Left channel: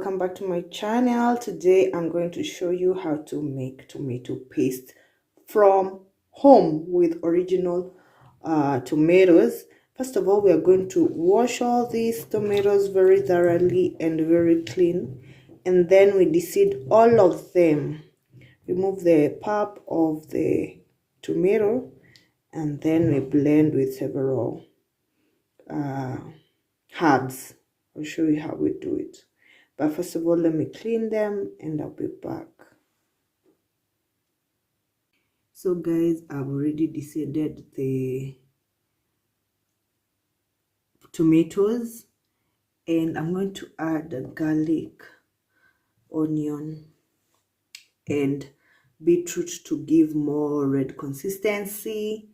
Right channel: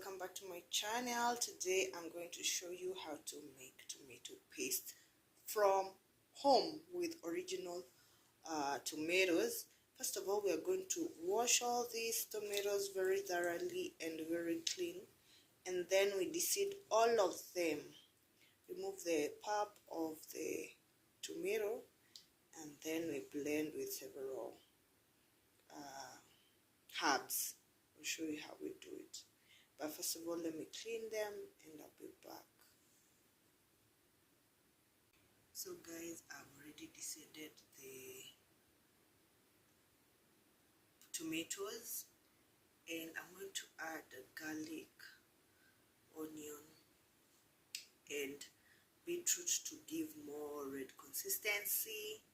welcome back to my channel. Today I'm going to show you how to make tomato paste from home with original tomatoes. First of all, we are going to wash all these tomatoes very thoroughly and very clean, and then we deseed all of them, remove the pulp of the tomato, and then we blend with several herbs. I'll show you how we do it, but first of all, let me clean them and I'll be back. So guys, I've already deseeded the tomatoes, and I'm going to add garlic, onion, and beetroot to give more red consistency,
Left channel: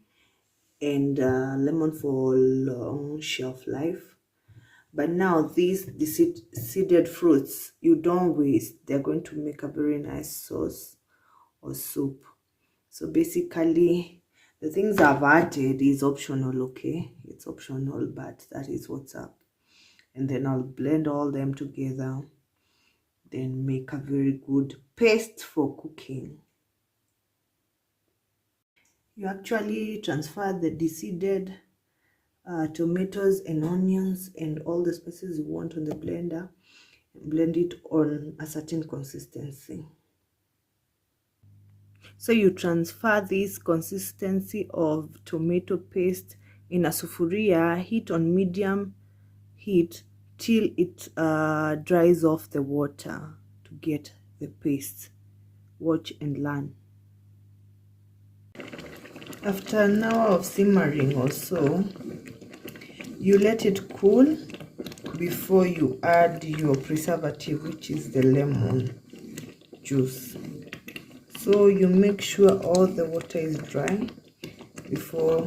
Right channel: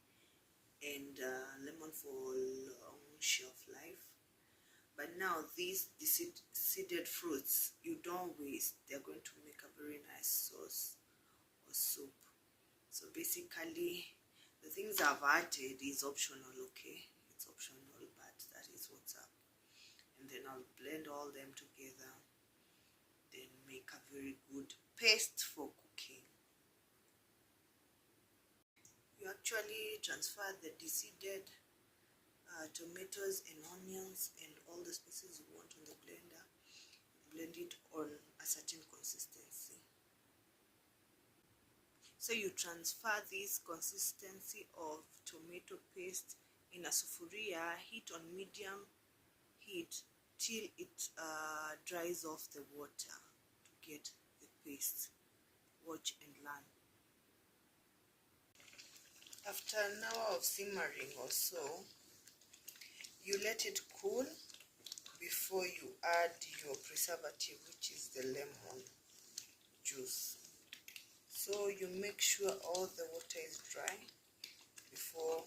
and lemon for long shelf life. But now these seeded fruits, you don't waste. They're going to make a very nice sauce or soup. So basically, the things I've added is optional, okay? It's optional, but that is what's up. And then I'll blend all them together, then make a very good paste for cooking. You actually transfer the deseeded tomatoes and onions and all the spices you want on the blender, and blend it on a certain consistency. So you transfer this consistency of tomato paste in a sufuria, heat on medium heat till it dries off the water to get the paste. Watch and learn. After an hour of simmering or so, you let it cool before you add your preservative, which is the lemon juice. So you make sure all the water is dry before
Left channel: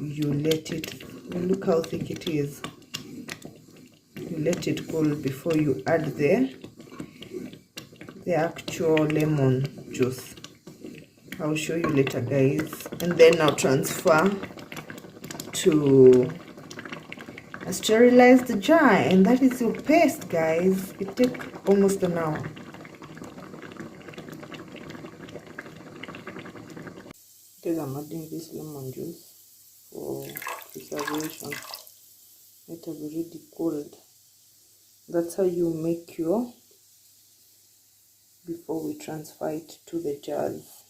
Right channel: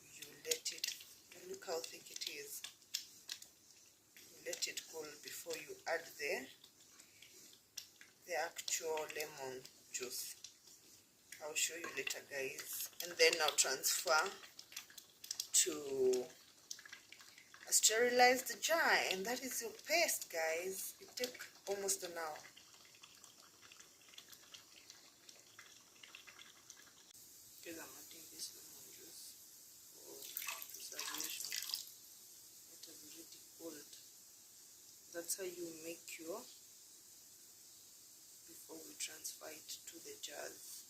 you let it. Look how thick it is. You let it cool before you add the actual lemon juice. I'll show you later, guys. And then I'll transfer to a sterilized jar, and that is your paste, guys. It takes almost an hour. Because I'm adding this lemon juice for preservation. It has already cooled. That's how you make your before we transfer it to the jars.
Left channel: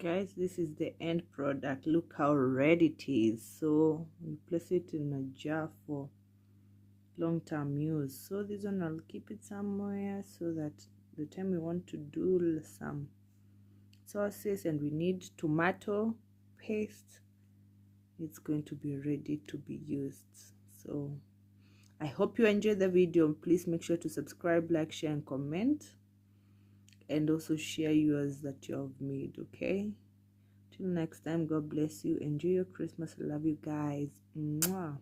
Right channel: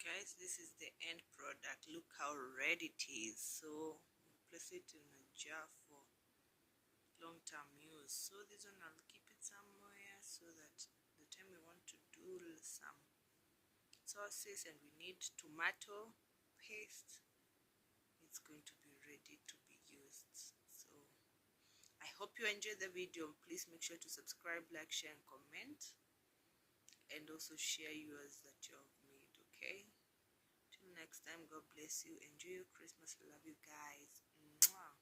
Guys, this is the end product. Look how red it is. So we place it in a jar for long-term use. So this one I'll keep it somewhere so that the time we want to do some sauces and we need tomato paste, it's going to be ready to be used. So I hope you enjoyed the video. Please make sure to subscribe, like, share, and comment, and also share yours that you have made. Okay, till next time, God bless you. Enjoy your Christmas. I love you guys. Mwah.